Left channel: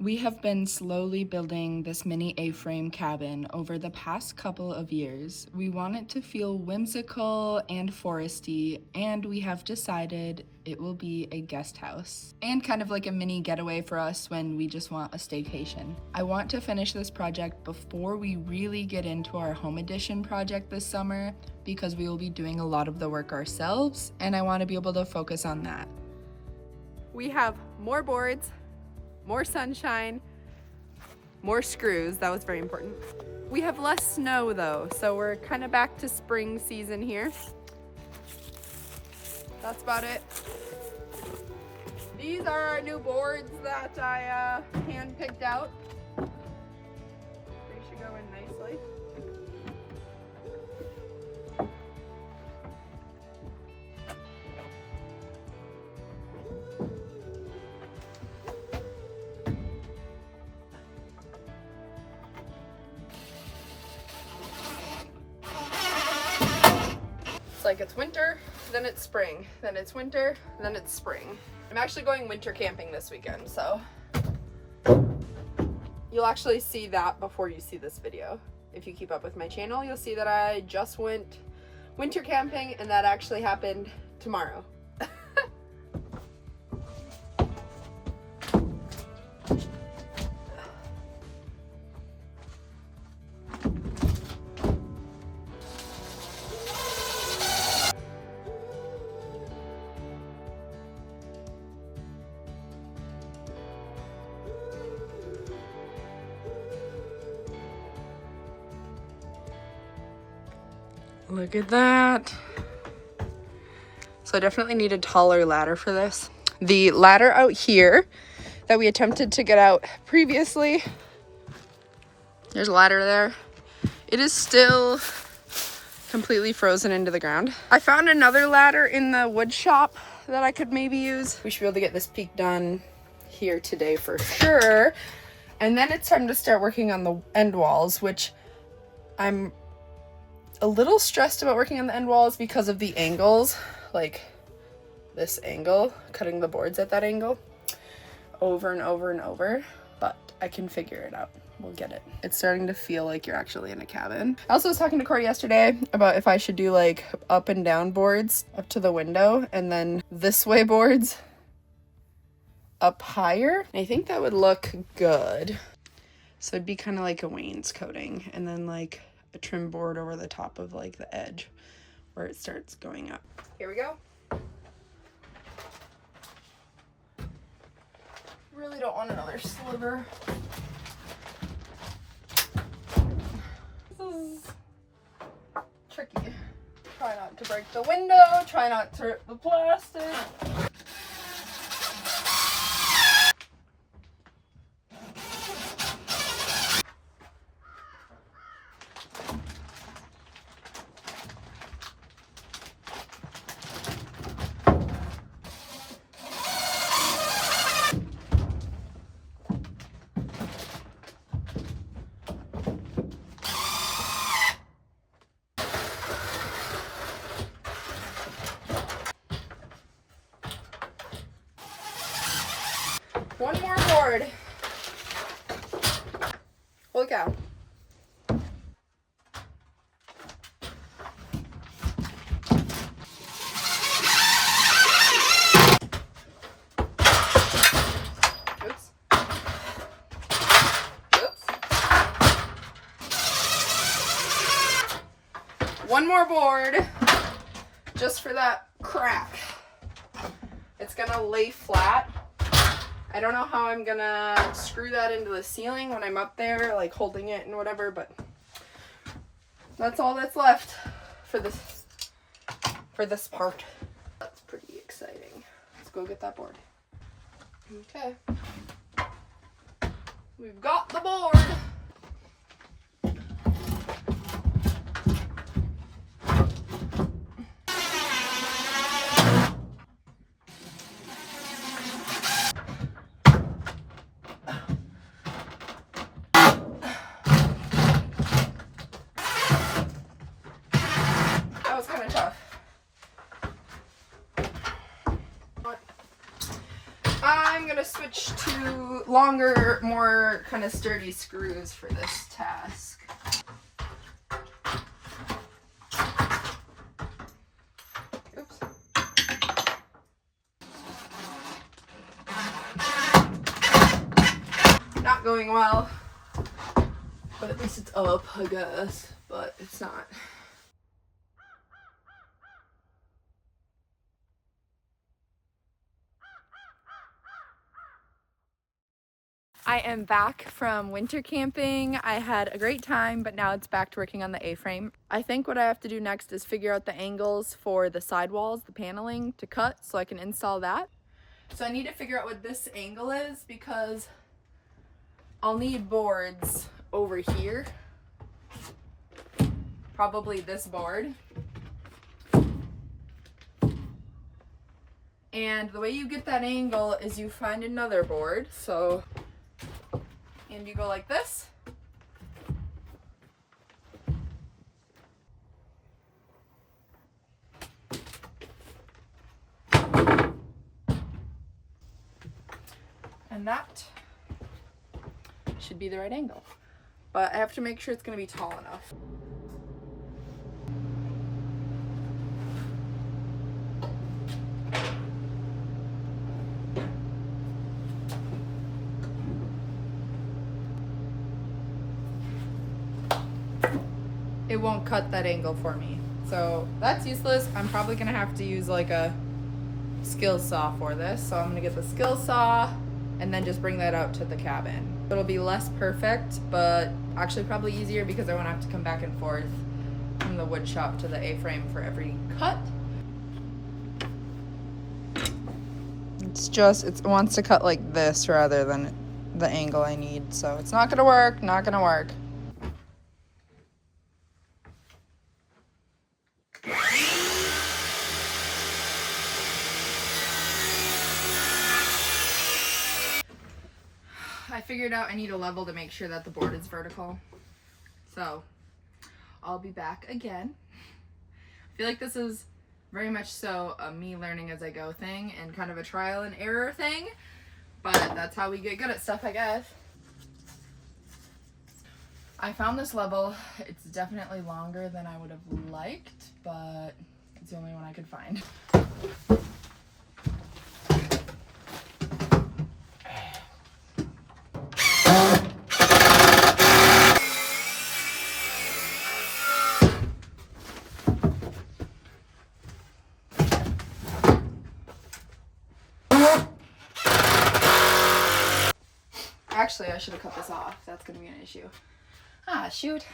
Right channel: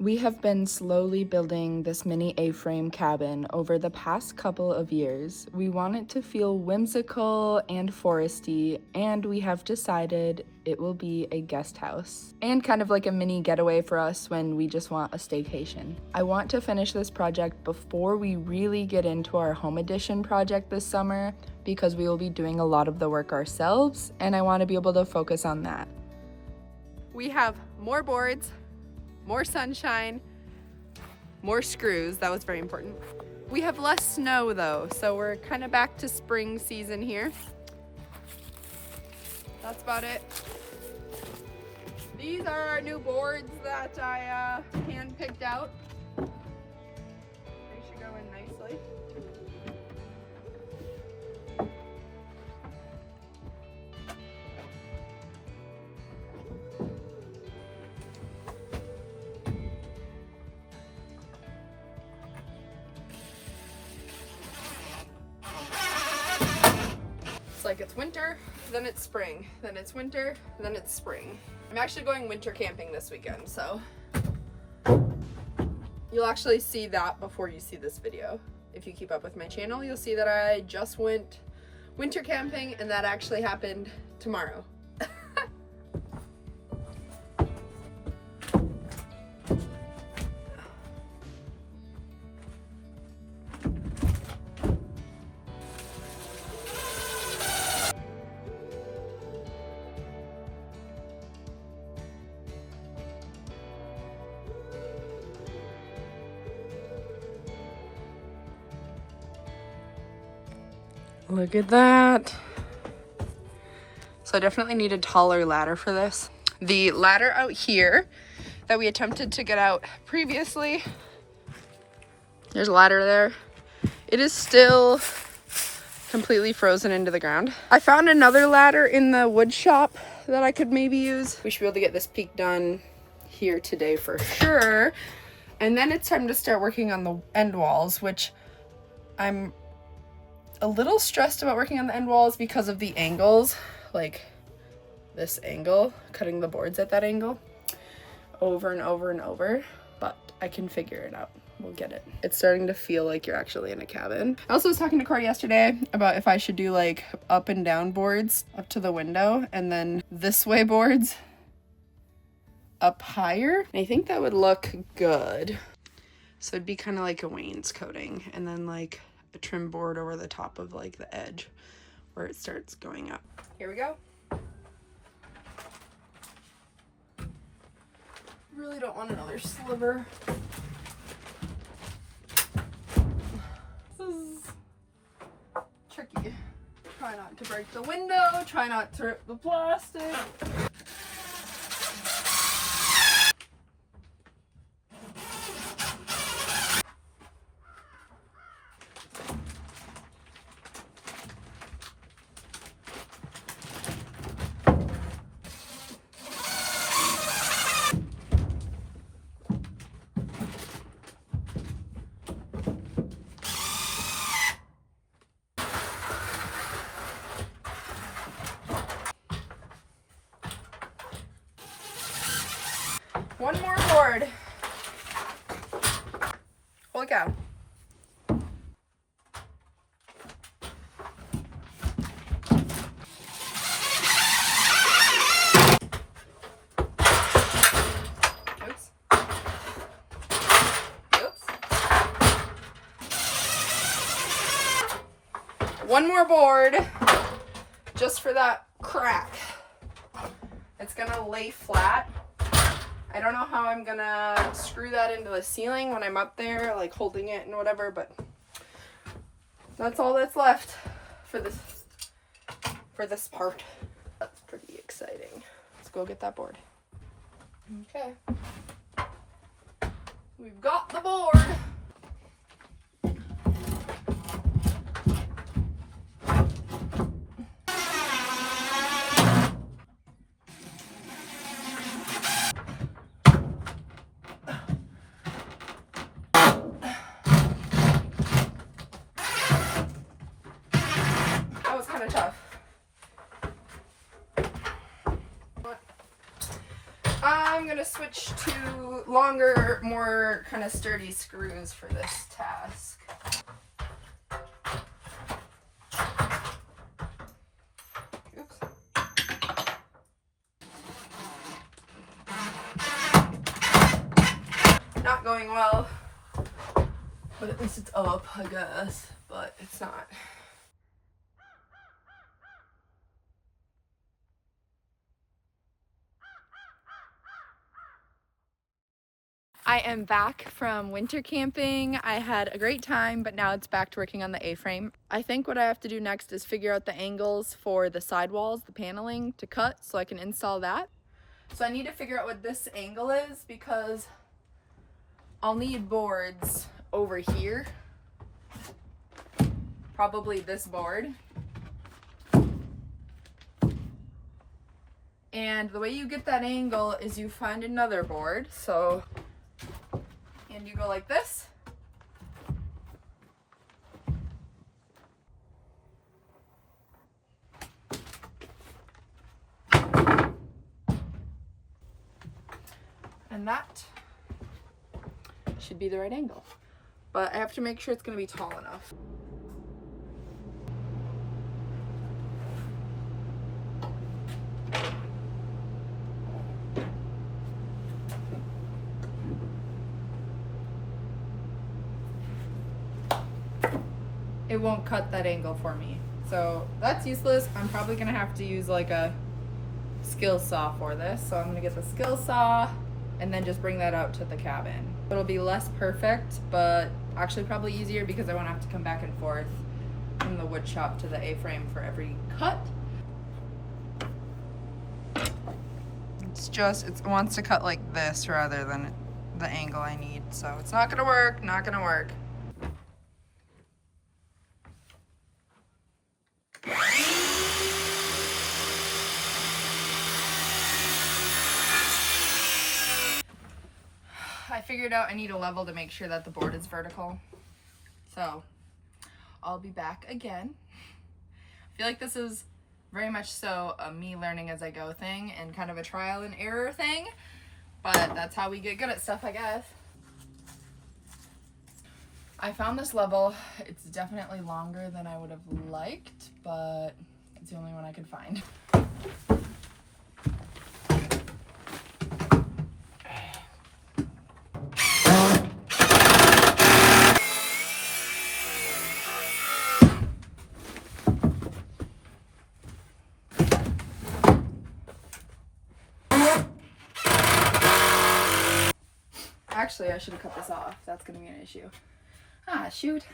We have been slowly building this mini A-frame cabin over the past couple of years. We want it to feel whimsical and foresty, and we have decided it will be a guest house and kind of like a mini getaway for us when we just want a staycation. I want to finish this project before we really get into our home edition project this summer because we will be doing a lot of the work ourselves, and I want to be able to focus on that. We have more boards, more sunshine, more screws. That was very important. We have less snow though, so we're kind of back to spring season here. That's about it. These are our new boards that I hand picked out. They should go in nicely. It's like it's winter, then it's spring, then it's winter, then it's spring. I'm actually going winter camping this weekend, so you'll actually see that before you see this video. If you keep up with my channel, you'll see that I just went winter camping, and that actually happened tomorrow. Look at that. So I definitely need a taller ladder for this. The ladder out here that we attempted to get out previously, there's a ladder there. It is still completely frozen into the ground. I found another ladder in the wood shop that I could maybe use. We should be able to get this peak done here today for sure. And then it's time to start working on the end walls, which I'm a little stressed about working on the end walls because of the angles, like this angle, cutting the boards at that angle over and over and over, but I can figure it out. We'll get it. It's starting to feel like you're actually in a cabin. I also was talking to Corey yesterday about if I should do like up and down boards up to the window and then this way boards up higher. I think that would look good. So it'd be kind of like a wainscoting and then like a trim board over the top of like the edge where it starts going up. Here we go. Really don't want another sliver. This is tricky. Try not to break the window, try not to rip the plastic. One more board. Holy cow. Oops. Oops. One more board just for that crack. It's gonna lay flat. I don't know how I'm gonna screw that into the ceiling when I'm up there, like holding it and whatever, but that's all that's left for this part. That's pretty exciting. Let's go get that board. Okay. We've got the board. I'm gonna gonna switch to longer, more kind of sturdy screws for this task. Oops. Not going well, but at least it's up, I guess, but it's not. I am back from winter camping. I had a great time, but now it's back to working on the A-frame. I think what I have to do next is figure out the angles for the sidewalls, the paneling to cut so I can install that. So I need to figure out what this angle is because I'll need boards over here. Probably this board. And the way you get that angle is you find another board. And you go like this. And that should be the right angle. But I have to make sure it's going to be tall enough. It won't cut that angle for me. So that's useless. I'm probably gonna have to use like a skill saw for this. So I'm gonna get the skill saw and then just bring that out to the cabin. It'll be less perfect, but actually probably easier because I won't have to come back and forth from the wood shop to the A-frame for every cut. It wants to cut like this rather than the angle I need. So it's not gonna work, not gonna work. I figured out I need a level to make sure that the board is vertical. So I'll be back again. I feel like this is very much so a me learning as I go thing and kind of a trial and error thing, but that's how we get good at stuff, I guess. I found this level. It's definitely longer than I would have liked, but it's the only one I could find. Actually, I should have cut this off. That's gonna be an issue. Ah, shoot.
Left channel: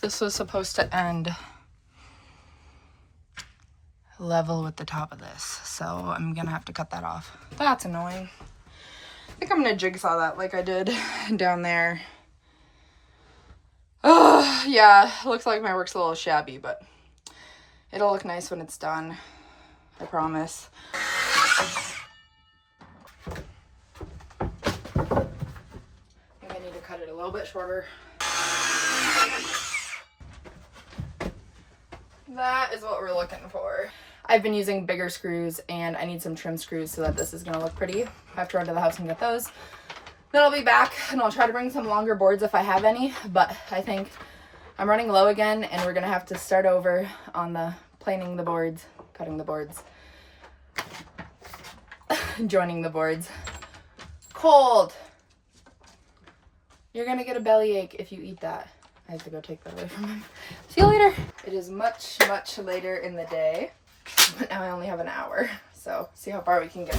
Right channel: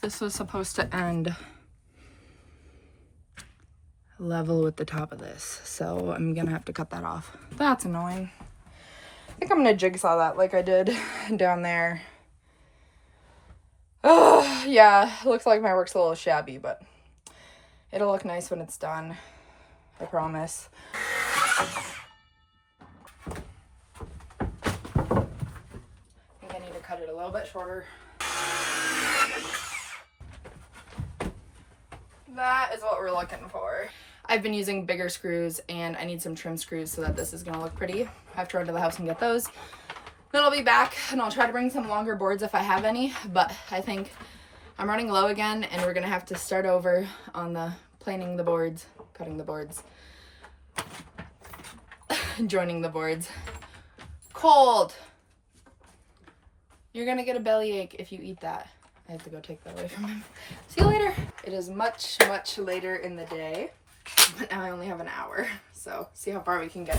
This was supposed to end level with the top of this, so I'm gonna have to cut that off. That's annoying. I think I'm gonna jigsaw that like I did down there. Oh, yeah, looks like my work's a little shabby, but it'll look nice when it's done. I promise. Cut it a little bit shorter. That is what we're looking for. I've been using bigger screws and I need some trim screws so that this is gonna look pretty. I have to run to the house and get those. Then I'll be back and I'll try to bring some longer boards if I have any, but I think I'm running low again and we're gonna have to start over on the planing the boards, cutting the boards, joining the boards. Cold. You're gonna get a bellyache if you eat that. I have to go take that away from him. See you later. It is much, much later in the day, but now I only have an hour. So see how far we can get.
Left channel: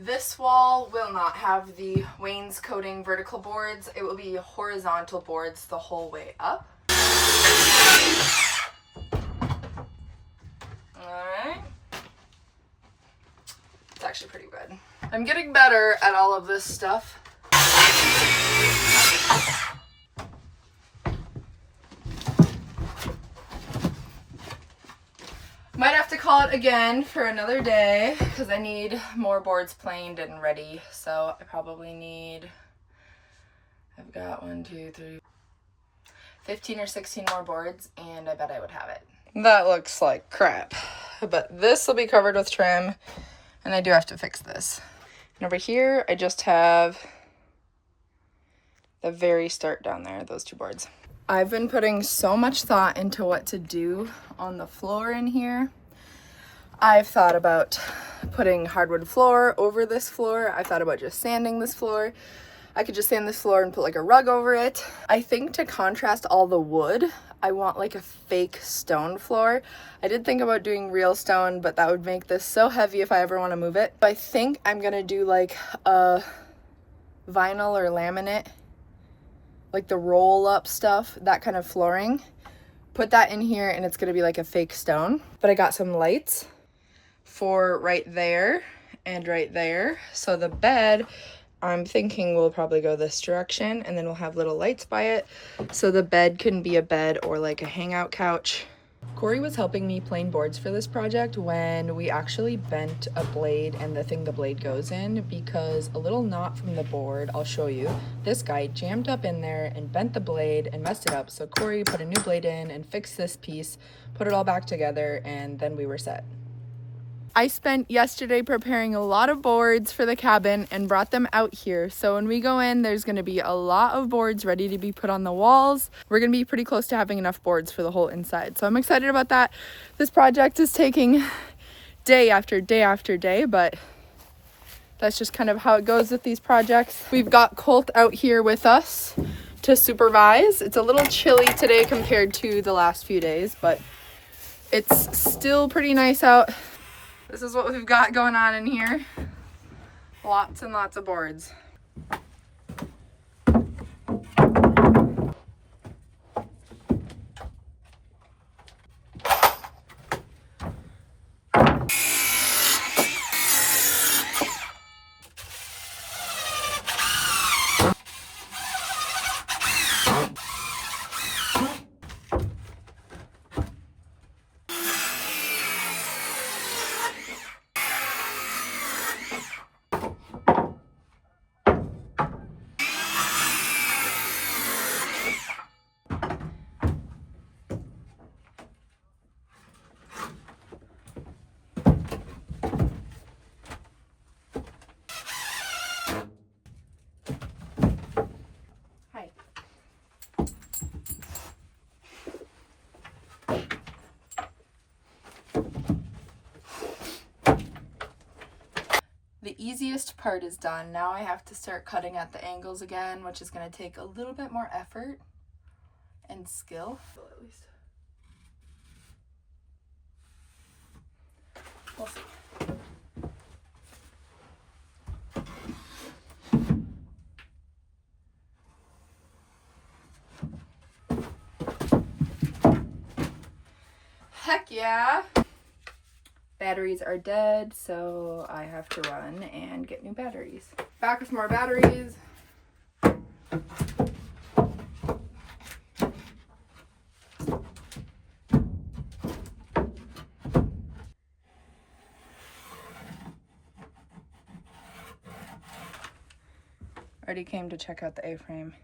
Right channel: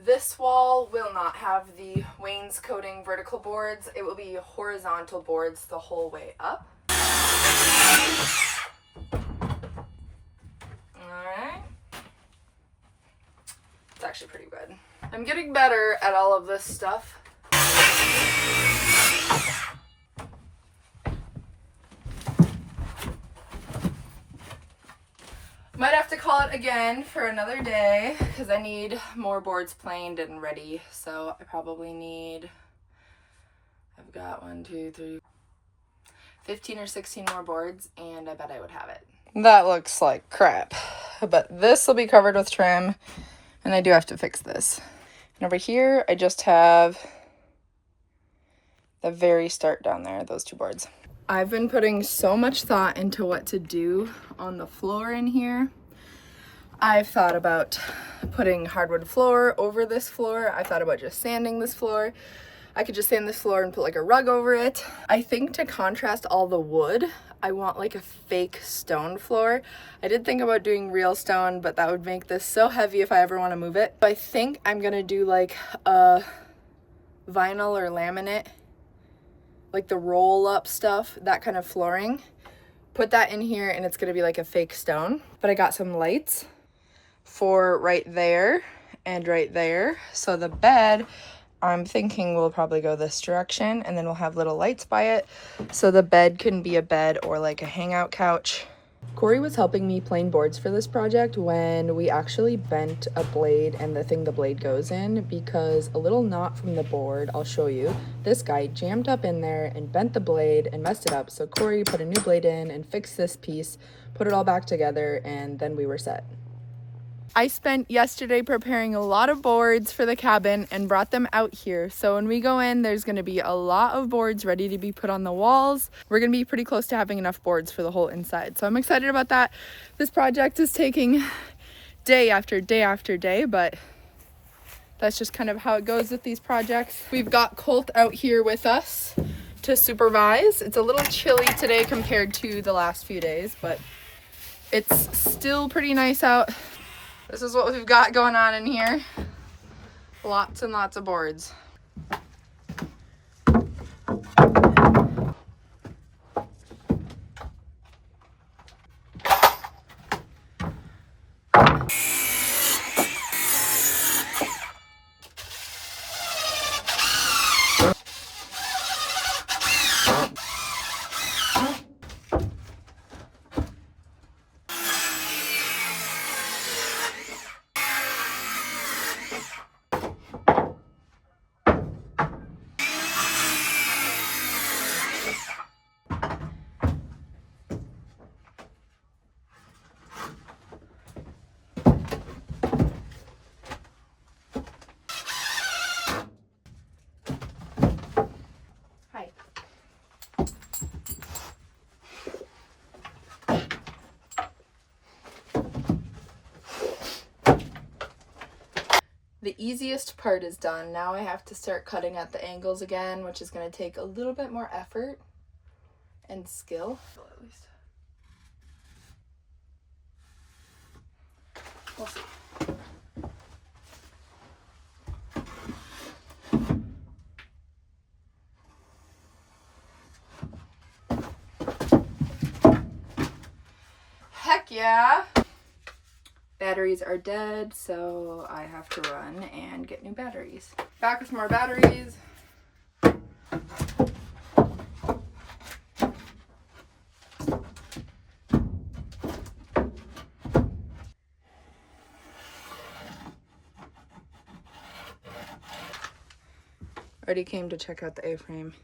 This wall will not have the wainscoting vertical boards. It will be horizontal boards the whole way up. Alright. It's actually pretty good. I'm getting better at all of this stuff. Might have to call it again for another day because I need more boards planed and ready. So I probably need, I've got 15 or 16 more boards, and I bet I would have it. That looks like crap, but this will be covered with trim, and I do have to fix this. And over here, I just have the very start down there, those two boards. I've been putting so much thought into what to do on the floor in here. I've thought about putting hardwood floor over this floor. I thought about just sanding this floor. I could just sand this floor and put like a rug over it. I think to contrast all the wood, I want like a fake stone floor. I did think about doing real stone, but that would make this so heavy if I ever want to move it. But I think I'm gonna do like a vinyl or laminate, like the roll up stuff, that kind of flooring. Put that in here and it's gonna be like a fake stone. But I got some lights for right there and right there. So the bed, I'm thinking we'll probably go this direction, and then we'll have little lights by it. So the bed can be a bed or like a hangout couch. Corey was helping me plane boards for this project when we actually bent a blade and the thing the blade goes in, because a little knot from the board, I'll show you, this guy jammed up in there and bent the blade and messed it up. So Corey put a new blade in and fixed this piece, put it all back together, and then we were set. I spent yesterday preparing a lot of boards for the cabin and brought them out here. So when we go in, there's going to be a lot of boards ready to be put on the walls. We're going to be pretty close to having enough boards for the whole inside. So I'm excited about that. This project is taking day after day after day, but that's just kind of how it goes with these projects. We've got Colt out here with us to supervise. It's a little chilly today compared to the last few days, but it's still pretty nice out. This is what we've got going on in here. Lots and lots of boards. The easiest part is done. Now I have to start cutting at the angles again, which is going to take a little bit more effort and skill. At least. We'll see. Heck yeah! Batteries are dead, so I have to run and get new batteries. Back with more batteries. Already came to check out the A-frame.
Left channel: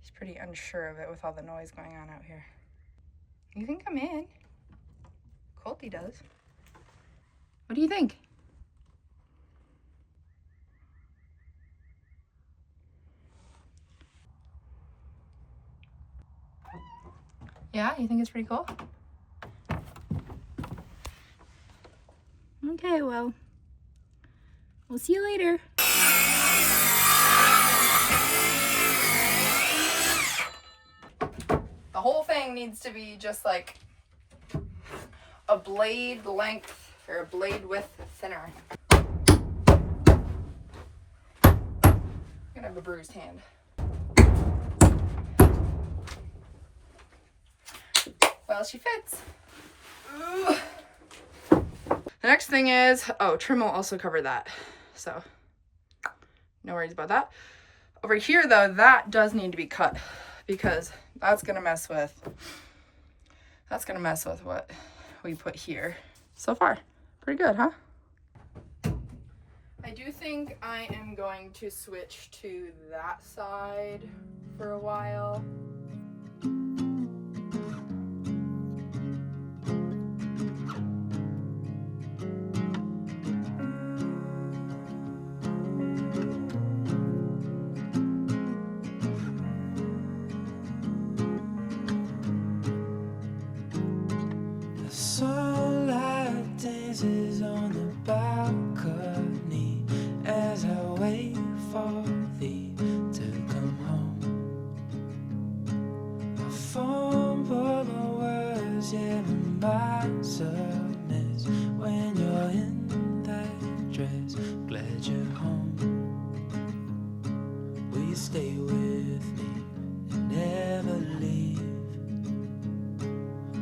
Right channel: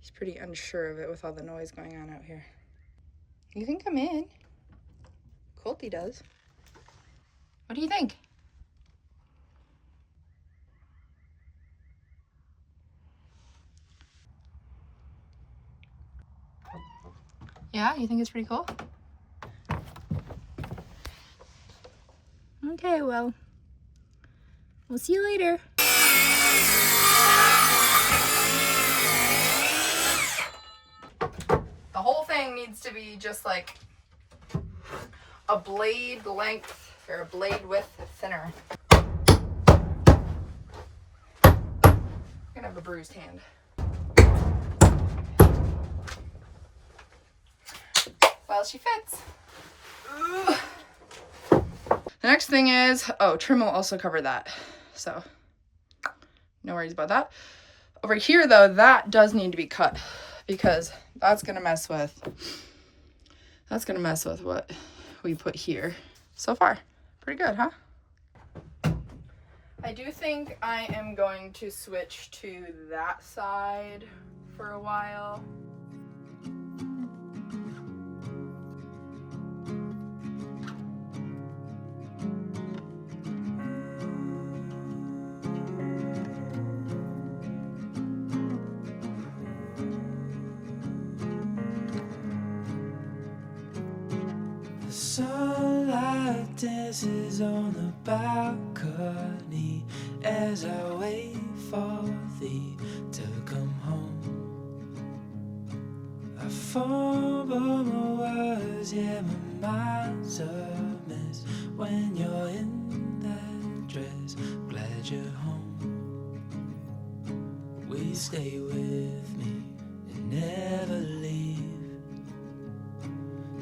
He's pretty unsure of it with all the noise going on out here. You can come in. Colty does. What do you think? Yeah, you think it's pretty cool? Okay, well, we'll see you later. The whole thing needs to be just like a blade length or a blade width thinner. I'm gonna have a bruised hand. Well, she fits. Ooh. The next thing is, trim will also cover that. So no worries about that. Over here though, that does need to be cut because that's gonna mess with what we put here. So far, pretty good, huh? I do think I am going to switch to that side for a while. Sunlight dances on the balcony as I wait for thee to come home. I fumble my words, yeah, my mind's a mess when you're in that dress. Glad you're home. Will you stay with me and never leave?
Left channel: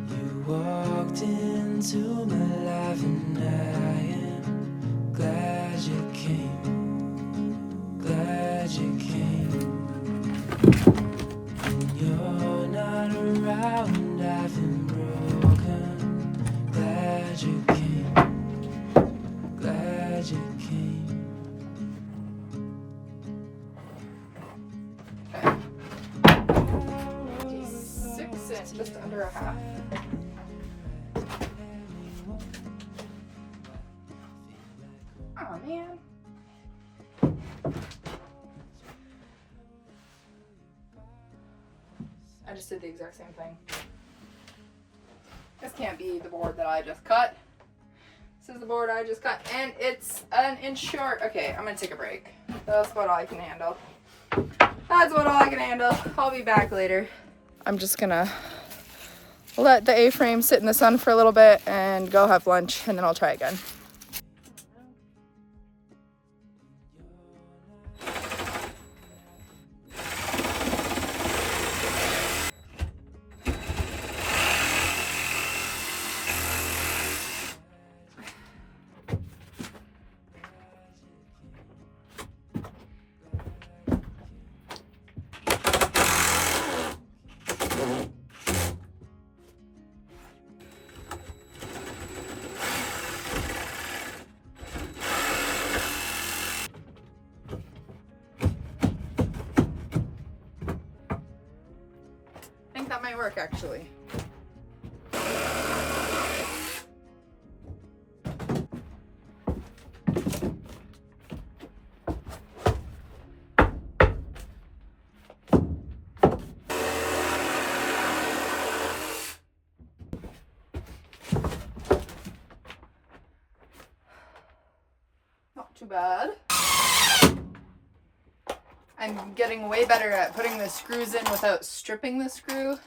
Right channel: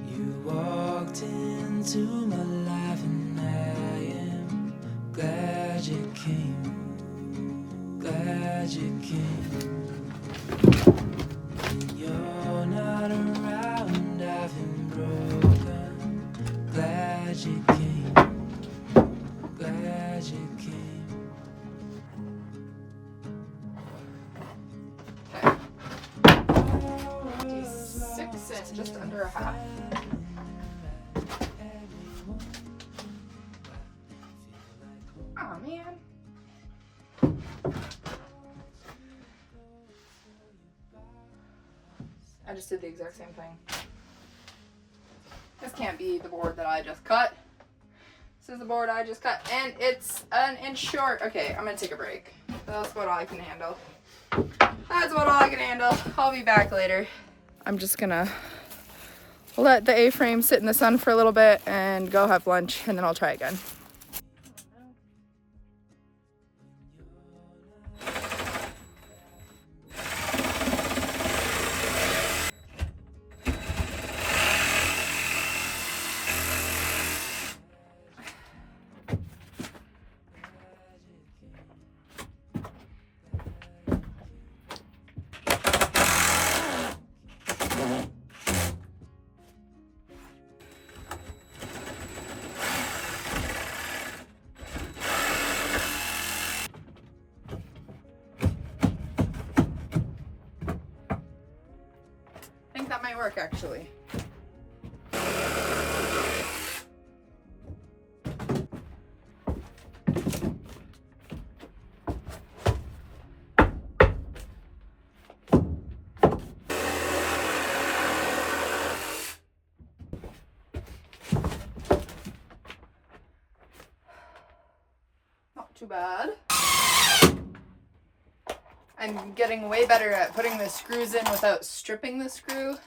You walked into my life and I am glad you came, glad you came. When you're not around, I've been broken. Glad you came, glad you came. 6 in, just under a half. Oh man. I just did the exact same thing. This can't be the board that I just cut. This is the board I just cut, and it's an inch short. Okay, I'm gonna take a break. That's about all I can handle. That's about all I can handle. I'll be back later. I'm just gonna let the A-frame sit in the sun for a little bit and go have lunch, and then I'll try again. I think that might work actually. Not too bad. I'm getting way better at putting the screws in without stripping the screw.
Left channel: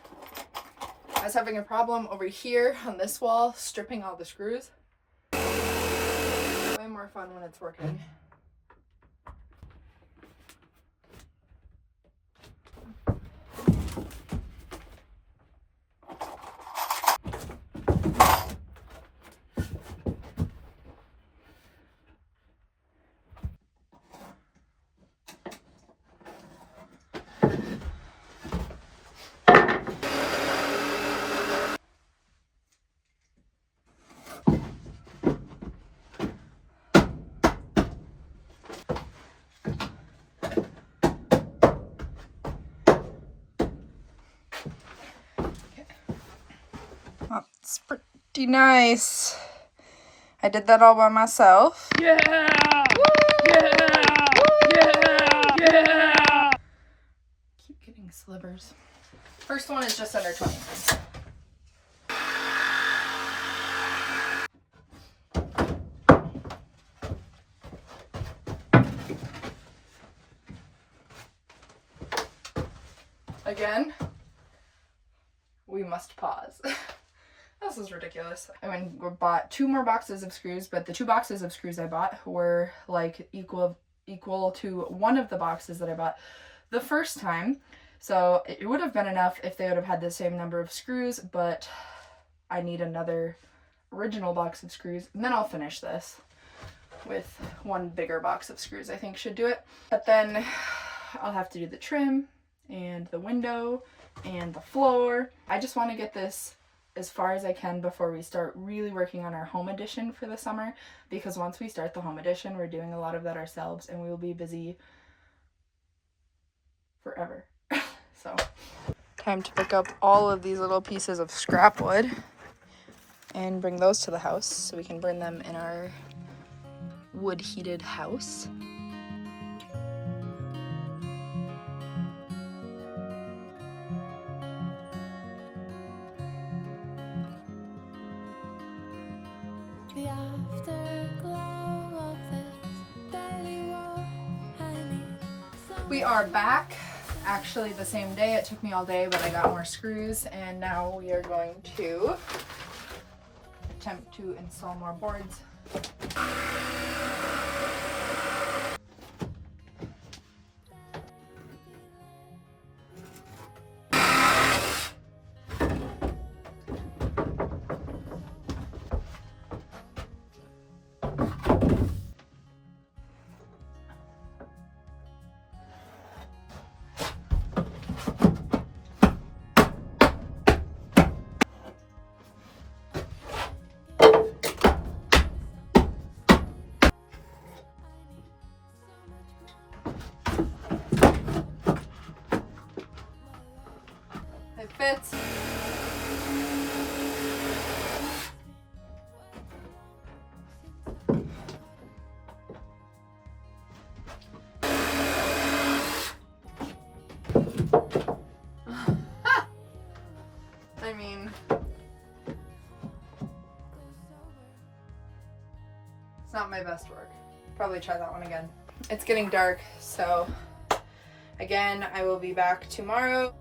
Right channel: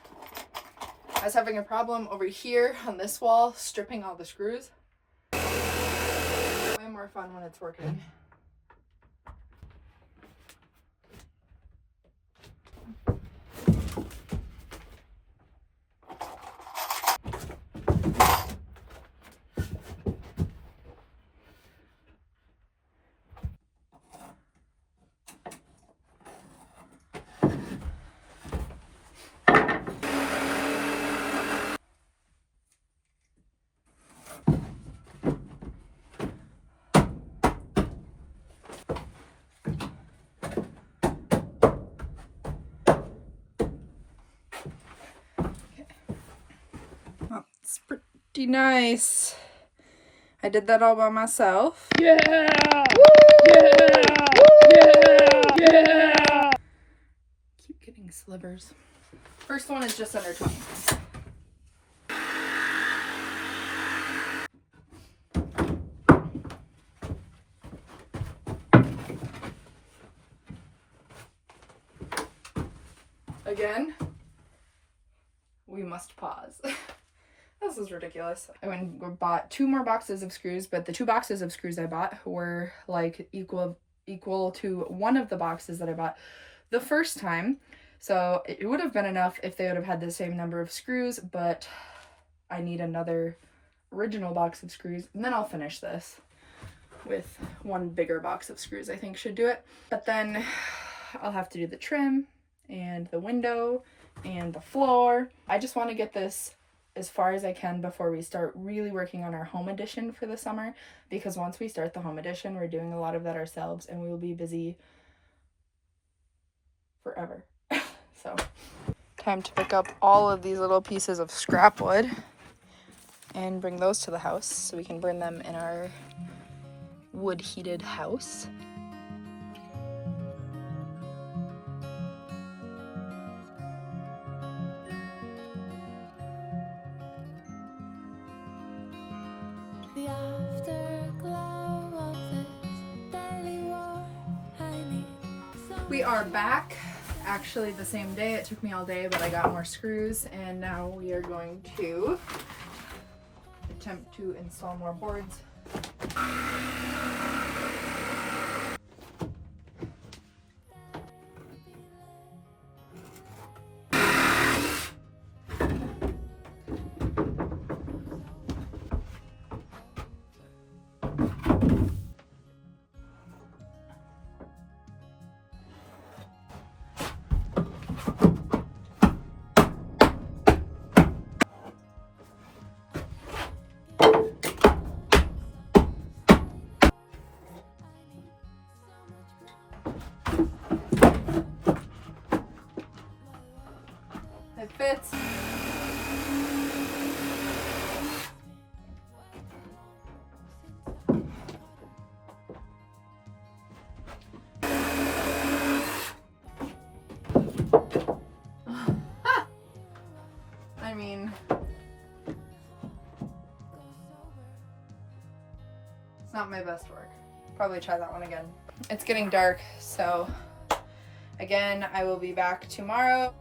I was having a problem over here on this wall, stripping all the screws. Way more fun when it's working. That's pretty nice. I did that all by myself. Yeah! Yeah! Yeah! Yeah! Keep getting slivers. First one is just under 20 minutes. Again, we must pause. This is ridiculous. I went and bought 2 more boxes of screws, but the 2 boxes of screws I bought were like equal to one of the boxes that I bought the first time. So it would have been enough if they would have had the same number of screws, but I need another original box of screws, and then I'll finish this with one bigger box of screws. I think should do it. But then I'll have to do the trim and the window and the floor. I just want to get this as far as I can before we start really working on our home edition for the summer, because once we start the home edition, we're doing a lot of that ourselves and we will be busy forever. So time to pick up all of these little pieces of scrap wood and bring those to the house so we can burn them in our wood heated house. The afterglow of this daily war, I need some. we are back. Actually the same day. It took me all day, but I got more screws, and now we are going to attempt to install more boards. It fits. I mean, it's not my best work. Probably try that one again. It's getting dark, so again, I will be back tomorrow.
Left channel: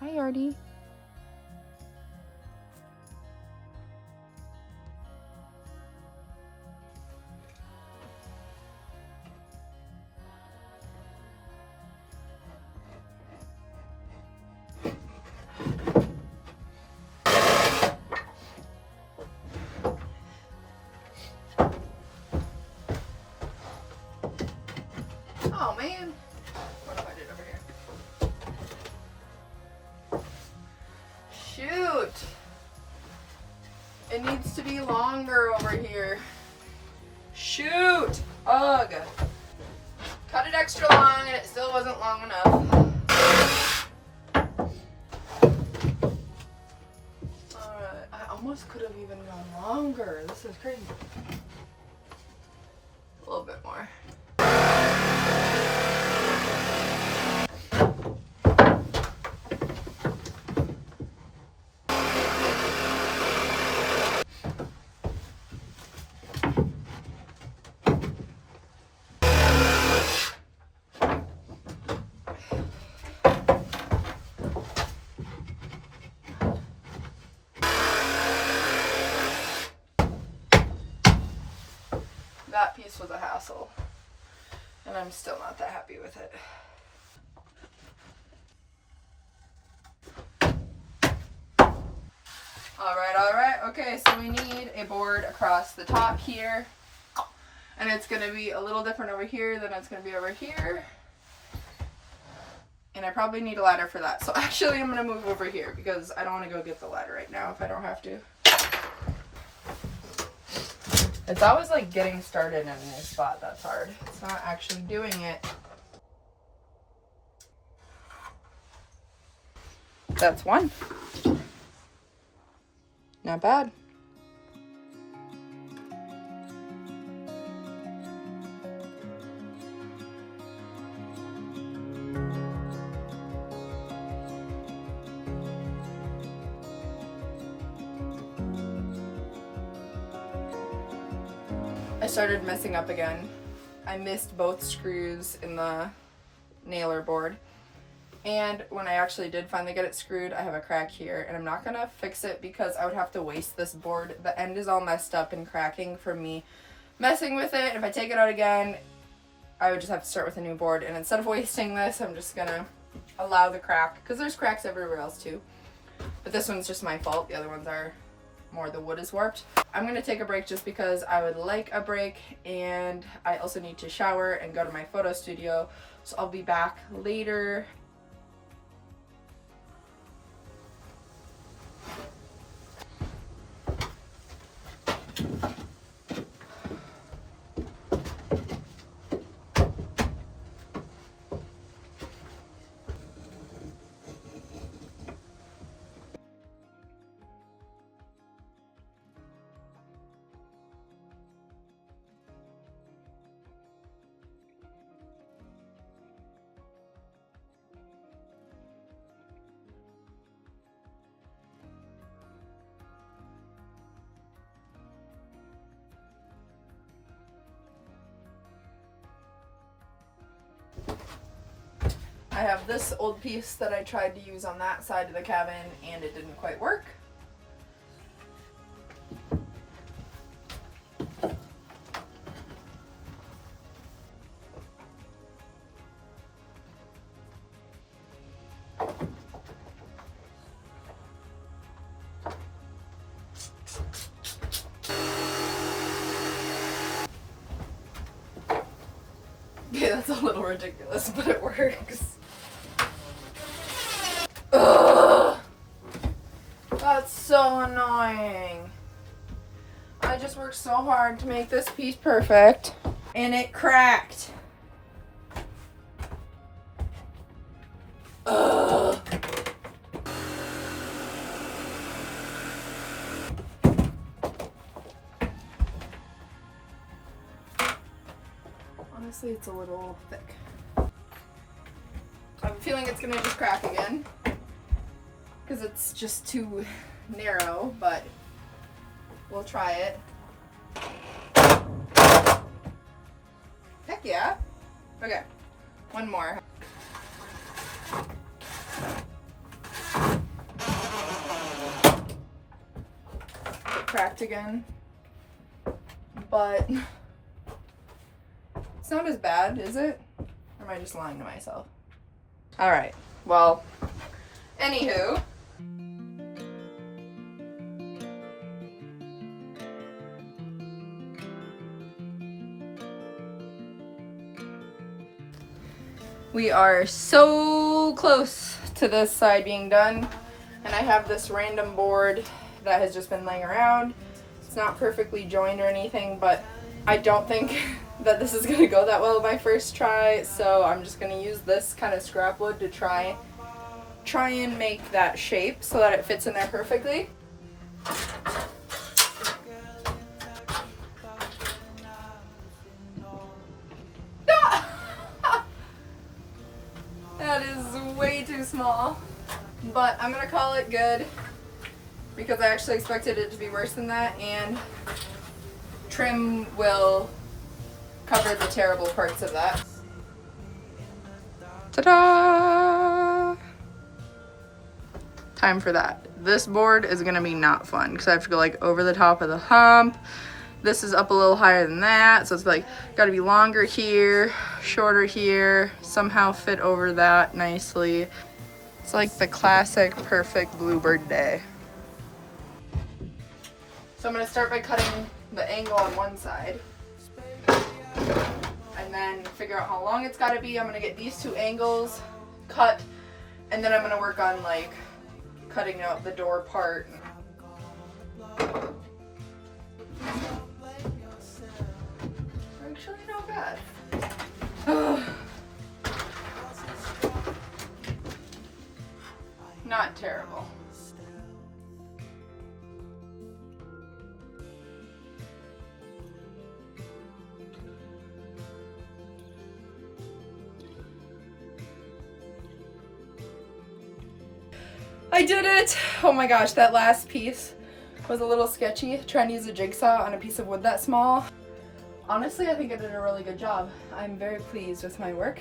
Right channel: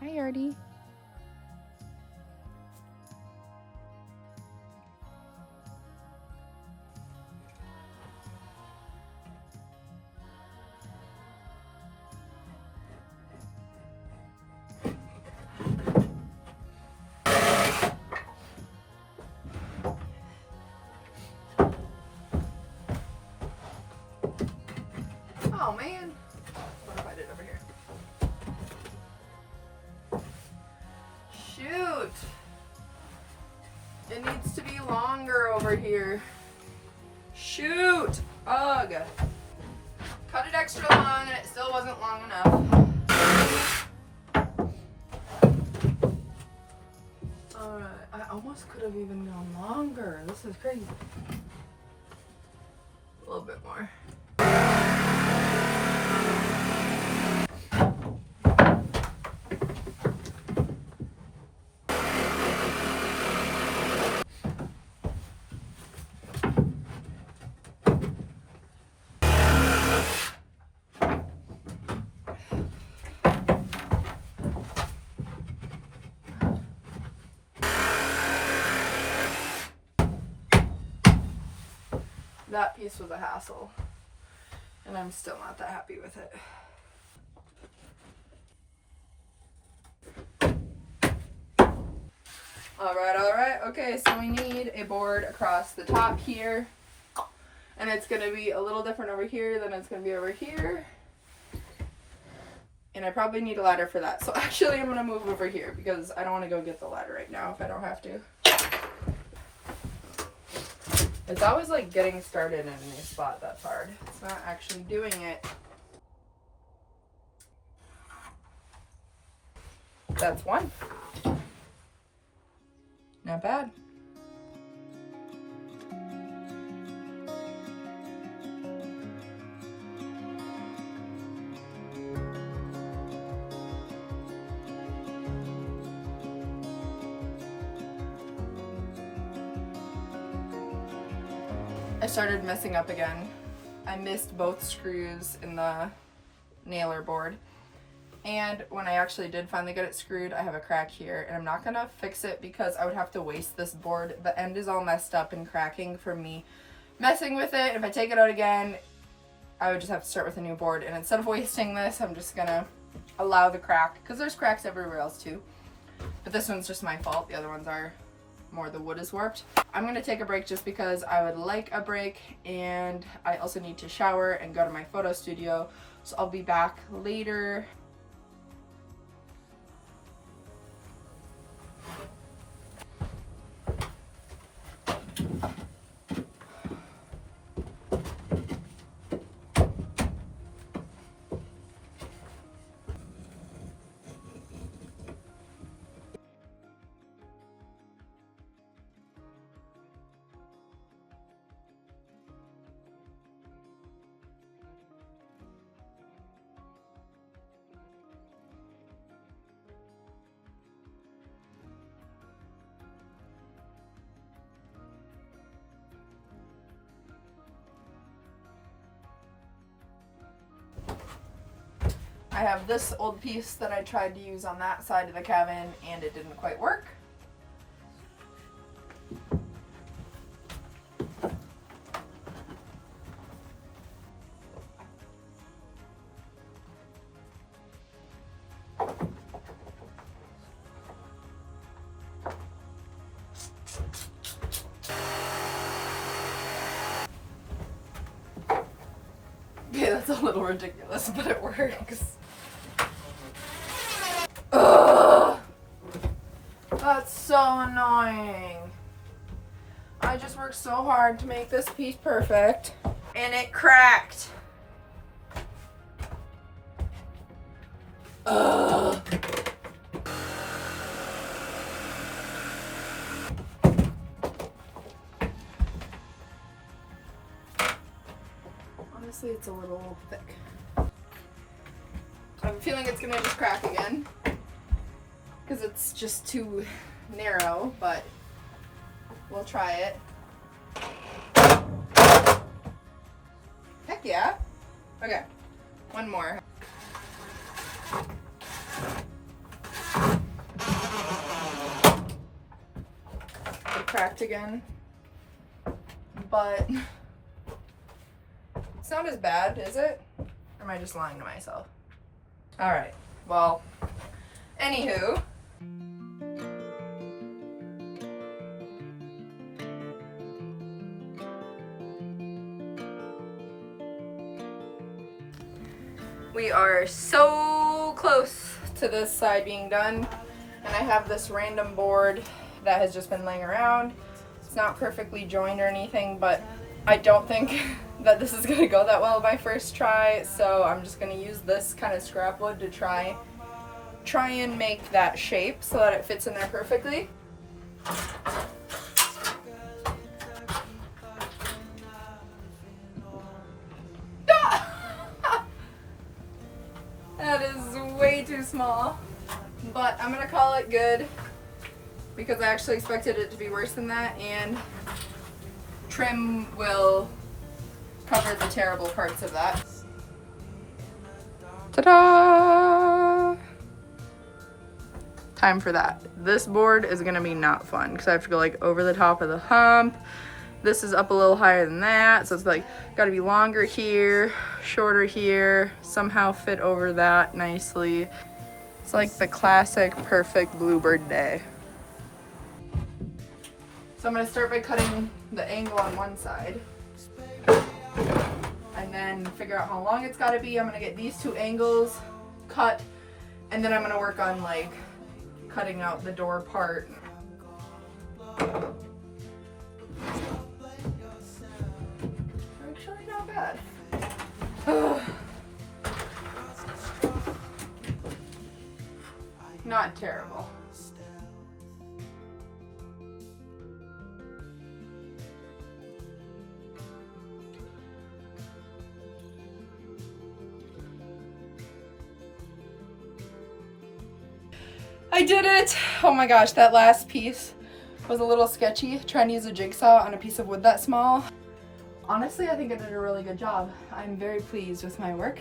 Hi, Yardy. Oh man. What if I did over here? Shoot. It needs to be longer over here. Shoot. Ugh. Cut it extra long and it still wasn't long enough. Alright. I almost could have even gone longer. This is crazy. A little bit more. That piece was a hassle, and I'm still not that happy with it. Alright, okay, so we need a board across the top here, and it's going to be a little different over here than it's going to be over here, and I probably need a ladder for that, so actually I'm going to move over here, because I don't want to go get the ladder right now if I don't have to. It's always like getting started in a new spot that's hard. It's not actually doing it. That's one. Not bad. I started messing up again. I missed both screws in the nailer board. And when I actually did finally get it screwed, I have a crack here. And I'm not going to fix it because I would have to waste this board. The end is all messed up and cracking from me messing with it. If I take it out again, I would just have to start with a new board. And instead of wasting this, I'm just going to allow the crack. Because there's cracks everywhere else too. But this one's just my fault. The other ones are more the wood is warped. I'm gonna take a break just because I would like a break, and I also need to shower and go to my photo studio. So I'll be back later. I have this old piece that I tried to use on that side of the cabin and it didn't quite work. Yeah, that's a little ridiculous, but it works. Ugh! That's so annoying. I just worked so hard to make this piece perfect, and it cracked. Ugh! Honestly, it's a little thick. I have a feeling it's gonna just crack again because it's just too narrow, but we'll try it. Heck yeah. Okay, one more. It cracked again, but it's not as bad, is it? Or am I just lying to myself? Alright, well, anywho. We are so close to this side being done, and I have this random board that has just been laying around. It's not perfectly joined or anything, but I don't think that this is gonna go that well my first try, so I'm just gonna use this kind of scrap wood to try and make that shape so that it fits in there perfectly. That is way too small, but I'm gonna call it good because I actually expected it to be worse than that, and trim will cover the terrible parts of that. Ta-da! Time for that. This board is gonna be not fun because I have to go like over the top of the hump. This is up a little higher than that, so it's like gotta be longer here, shorter here, somehow fit over that nicely. It's like the classic perfect bluebird day. So I'm gonna start by cutting the angle on one side and then figure out how long it's gotta be. I'm gonna get these two angles cut, and then I'm gonna work on like cutting out the door part. Actually not bad. Not terrible. I did it! Oh my gosh, that last piece was a little sketchy, trying to use a jigsaw on a piece of wood that small. Honestly, I think I did a really good job. I'm very pleased with my work.